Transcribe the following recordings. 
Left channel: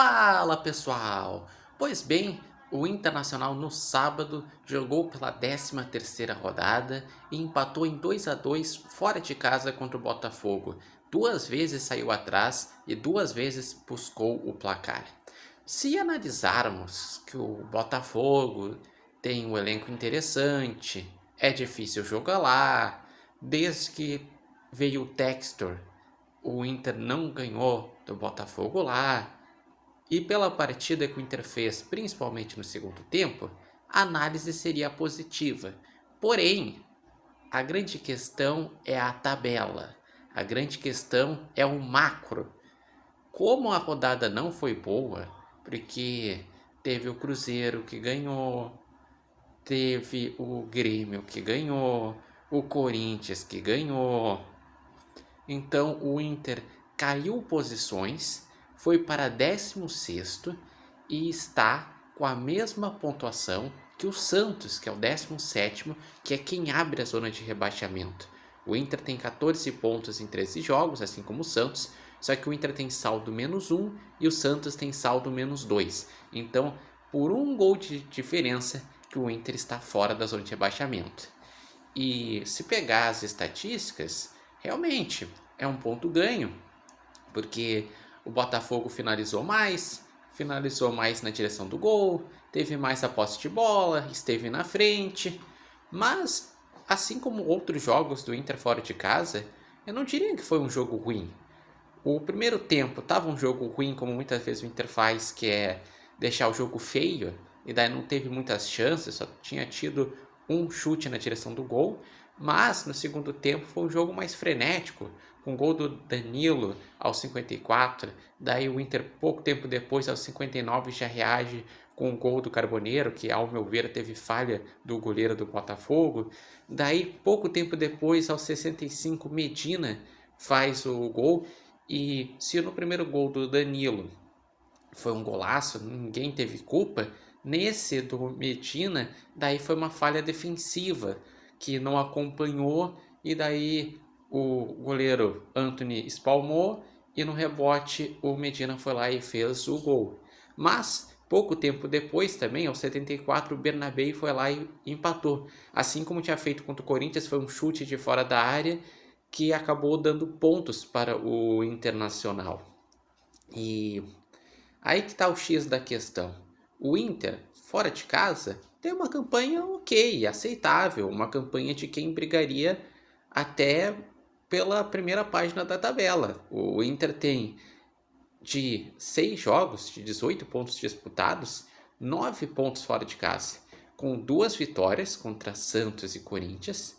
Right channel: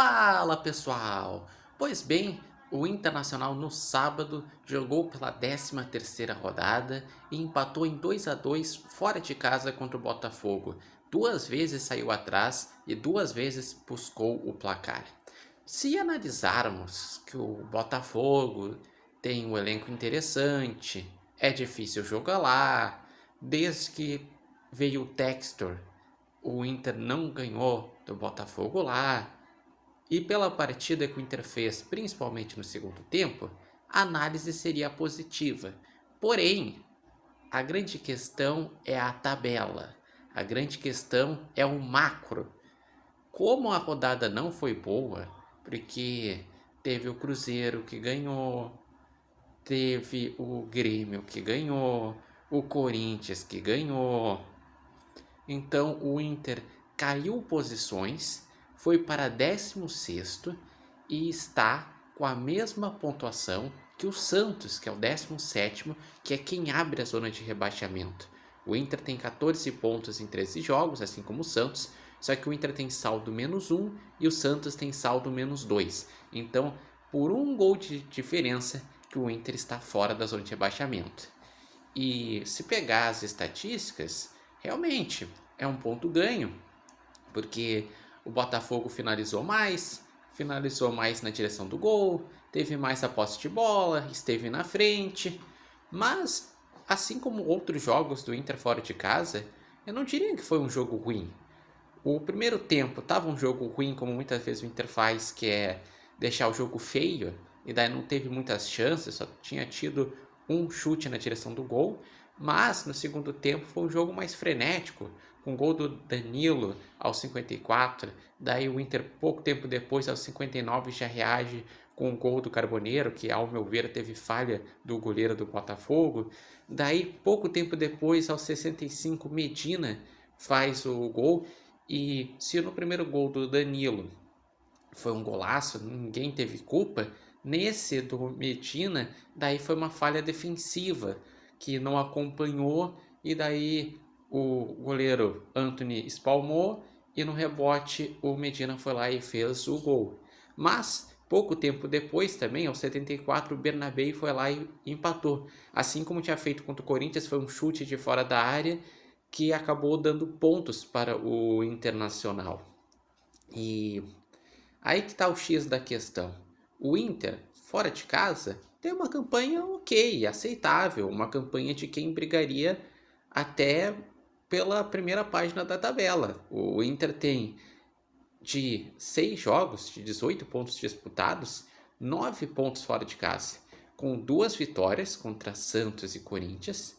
Fala pessoal! Pois bem, o Internacional no sábado jogou pela 13ª rodada e empatou em 2-2 fora de casa contra o Botafogo. 2 vezes saiu atrás e 2 vezes buscou o placar. Se analisarmos que o Botafogo tem um elenco interessante, é difícil jogar lá, desde que veio o Textor, o Inter não ganhou do Botafogo lá. E pela partida que o Inter fez, principalmente no segundo tempo, a análise seria positiva. Porém, a grande questão é a tabela. A grande questão é o macro. Como a rodada não foi boa, porque teve o Cruzeiro que ganhou, teve o Grêmio que ganhou, o Corinthians que ganhou. Então o Inter caiu posições, foi para 16º e está com a mesma pontuação que o Santos, que é o 17º, que é quem abre a zona de rebaixamento. O Inter tem 14 pontos em 13 jogos, assim como o Santos, só que o Inter tem saldo -1 e o Santos tem saldo -2. Então, por um gol de diferença, que o Inter está fora da zona de rebaixamento. E se pegar as estatísticas, realmente é um ponto ganho, porque o Botafogo finalizou mais na direção do gol, teve mais a posse de bola, esteve na frente, mas assim como outros jogos do Inter fora de casa, eu não diria que foi um jogo ruim. O primeiro tempo estava um jogo ruim, como muitas vezes o Inter faz, que é deixar o jogo feio, e daí não teve muitas chances, só tinha tido um chute na direção do gol, mas no segundo tempo foi um jogo mais frenético, com gol do Danilo aos 54, daí o Inter pouco tempo depois, aos 59, já reage com o gol do Carboneiro, que ao meu ver teve falha do goleiro do Botafogo, daí pouco tempo depois, aos 65, Medina faz o gol, e se no primeiro gol do Danilo foi um golaço, ninguém teve culpa, nesse do Medina, daí foi uma falha defensiva, que não acompanhou, e daí o goleiro Antony espalmou, e no rebote o Medina foi lá e fez o gol. Mas, pouco tempo depois também, aos 74, o Bernabéu foi lá e empatou. Assim como tinha feito contra o Corinthians, foi um chute de fora da área, que acabou dando pontos para o Internacional. E aí que está o X da questão. O Inter, fora de casa, tem uma campanha ok, aceitável, uma campanha de quem brigaria até pela primeira página da tabela. O Inter tem de 6 jogos, de 18 pontos disputados, 9 pontos fora de casa, com 2 vitórias contra Santos e Corinthians,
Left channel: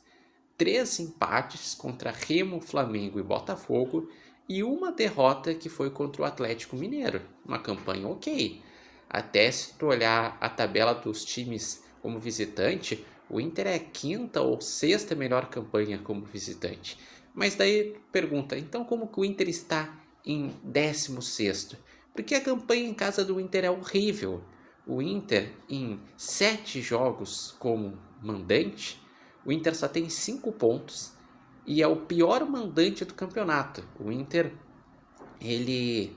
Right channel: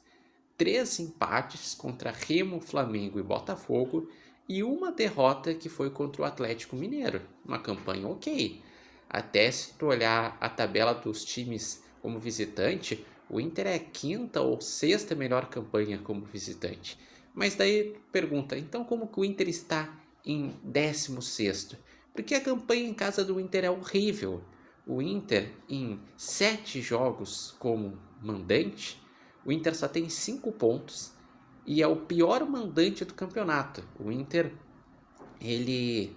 3 empates contra Remo, Flamengo e Botafogo e uma derrota que foi contra o Atlético Mineiro. Uma campanha ok. Até se tu olhar a tabela dos times como visitante, o Inter é a 5ª ou 6ª melhor campanha como visitante. Mas daí pergunta, então como que o Inter está em 16º? Porque a campanha em casa do Inter é horrível. O Inter, em 7 jogos como mandante, o Inter só tem 5 pontos e é o pior mandante do campeonato. O Inter, ele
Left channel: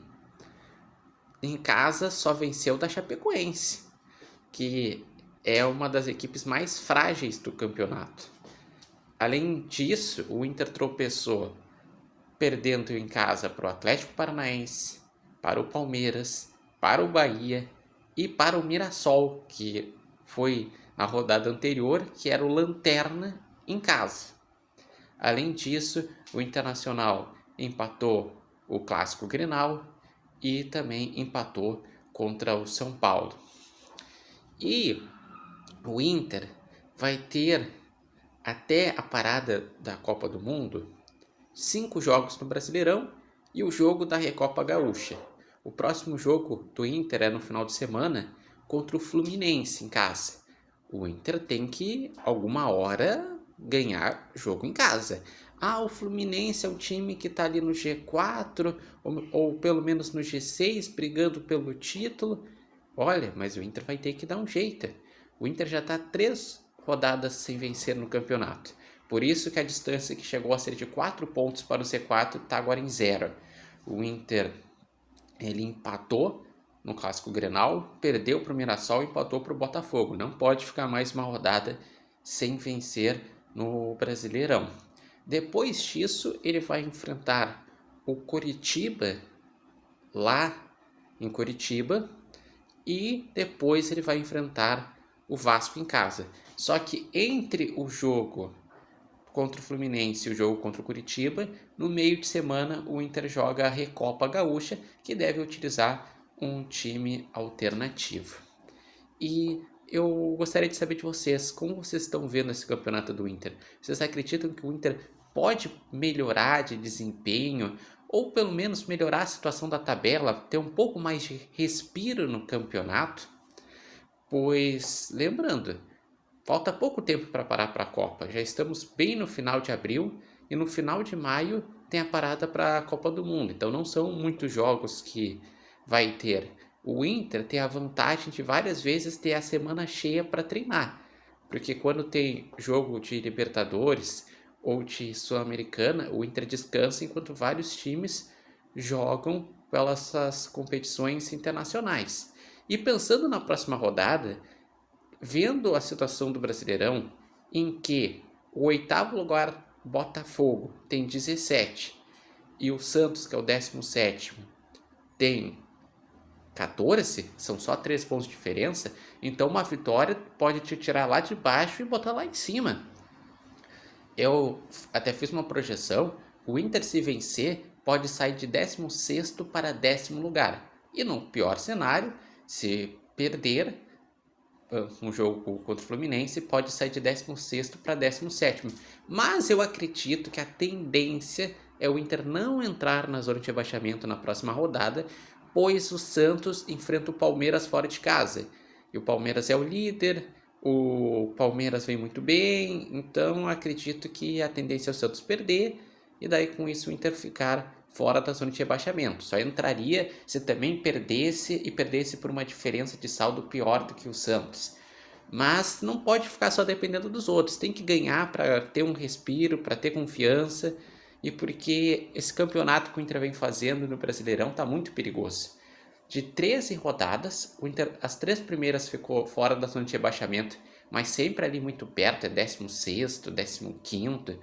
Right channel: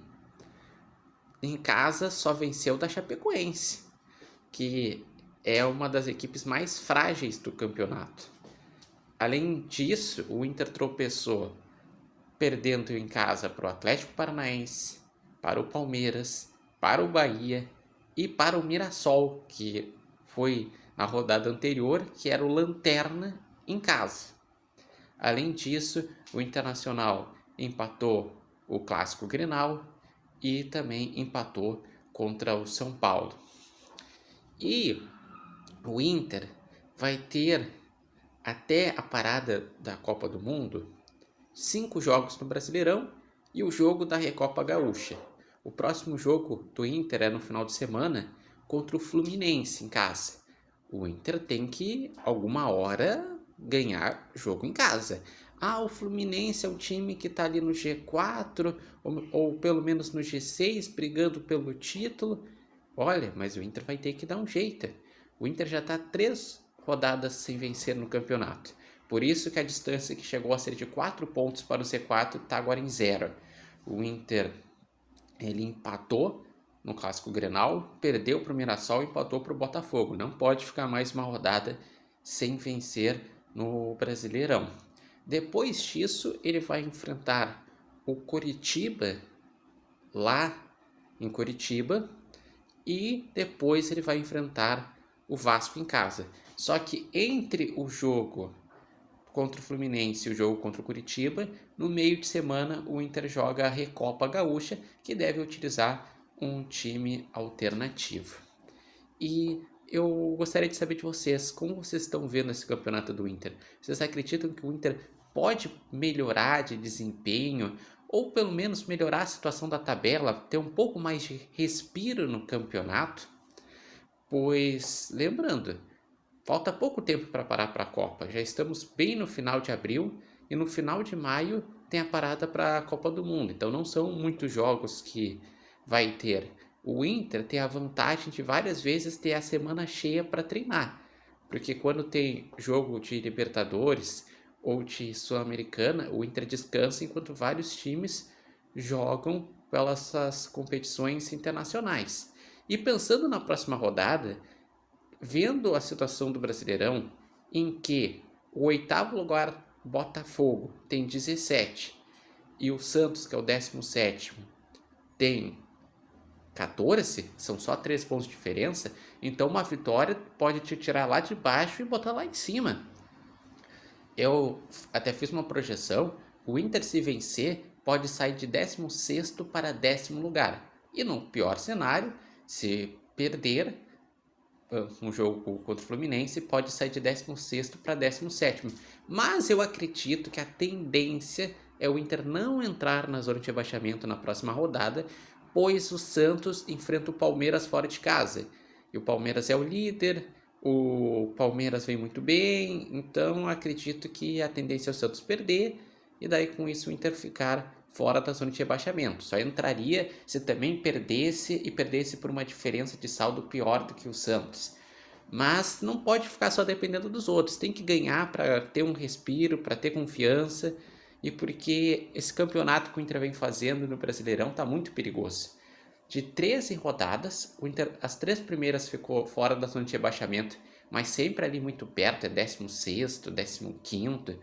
em casa só venceu da Chapecoense, que é uma das equipes mais frágeis do campeonato. Além disso, o Inter tropeçou perdendo em casa para o Atlético Paranaense, para o Palmeiras, para o Bahia e para o Mirassol, que foi na rodada anterior, que era o lanterna em casa. Além disso, o Internacional empatou o Clássico Grenal e também empatou contra o São Paulo. E o Inter vai ter, até a parada da Copa do Mundo, 5 jogos no Brasileirão e o jogo da Recopa Gaúcha. O próximo jogo do Inter é no final de semana contra o Fluminense em casa. O Inter tem que, alguma hora, ganhar jogo em casa. O Fluminense é um time que está ali no G4 ou pelo menos no G6 brigando pelo título. Olha, mas o Inter vai ter que dar um jeito. O Inter já está 3 rodadas sem vencer no campeonato. Por isso que a distância que chegou a ser de 4 pontos para o C4 está agora em 0. O Inter ele empatou no Clássico Grenal, perdeu para o Mirassol e empatou para o Botafogo. Não pode ficar mais uma rodada sem vencer no Brasileirão. Depois disso, ele vai enfrentar o Coritiba lá em Curitiba e depois ele vai enfrentar o Vasco em casa. Só que entre o jogo contra o Fluminense e o jogo contra o Curitiba, no meio de semana o Inter joga a Recopa Gaúcha, que deve utilizar um time alternativo. E eu gostaria de saber de vocês, como vocês estão vendo esse campeonato do Inter? Vocês acreditam que o Inter pode melhorar de desempenho, ou pelo menos melhorar a situação da tabela, ter um pouco mais de respiro no campeonato? Pois, lembrando, falta pouco tempo para parar para a Copa. Já estamos bem no final de abril e no final de maio tem a parada para a Copa do Mundo. Então não são muitos jogos que vai ter. O Inter tem a vantagem de várias vezes ter a semana cheia para treinar. Porque quando tem jogo de Libertadores ou de Sul-Americana, o Inter descansa enquanto vários times jogam pelas competições internacionais. E pensando na próxima rodada, vendo a situação do Brasileirão, em que o oitavo lugar, Botafogo, tem 17 e o Santos, que é o 17º, tem 14, são só 3 pontos de diferença, então uma vitória pode te tirar lá de baixo e botar lá em cima. Eu até fiz uma projeção, o Inter, se vencer, pode sair de 16º para 10º lugar. E no pior cenário, se perder um jogo contra o Fluminense, pode sair de 16º para 17º. Mas eu acredito que a tendência é o Inter não entrar na zona de rebaixamento na próxima rodada, pois o Santos enfrenta o Palmeiras fora de casa. E o Palmeiras é o líder, o Palmeiras vem muito bem, então acredito que a tendência é o Santos perder e daí com isso o Inter ficar fora da zona de rebaixamento. Só entraria se também perdesse e perdesse por uma diferença de saldo pior do que o Santos. Mas não pode ficar só dependendo dos outros, tem que ganhar para ter um respiro, para ter confiança e porque esse campeonato que o Inter vem fazendo no Brasileirão está muito perigoso. De 13 rodadas, o Inter, as 3 primeiras ficou fora da zona de rebaixamento, mas sempre ali muito perto, é 16º, 15º.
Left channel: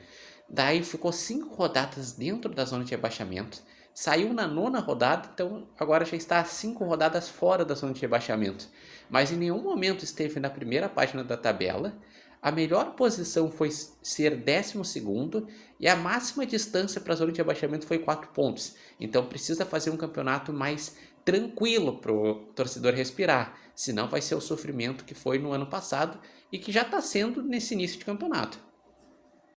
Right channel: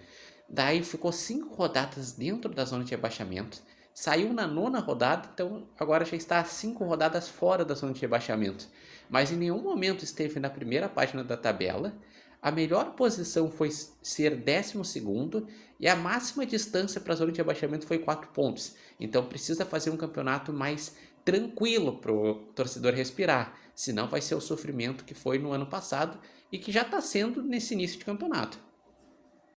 Daí ficou 5 rodadas dentro da zona de rebaixamento, saiu na 9ª rodada, então agora já está 5 rodadas fora da zona de rebaixamento. Mas em nenhum momento esteve na primeira página da tabela. A melhor posição foi ser 12º e a máxima distância para a zona de rebaixamento foi 4 pontos. Então precisa fazer um campeonato mais tranquilo para o torcedor respirar, senão vai ser o sofrimento que foi no ano passado e que já está sendo nesse início de campeonato.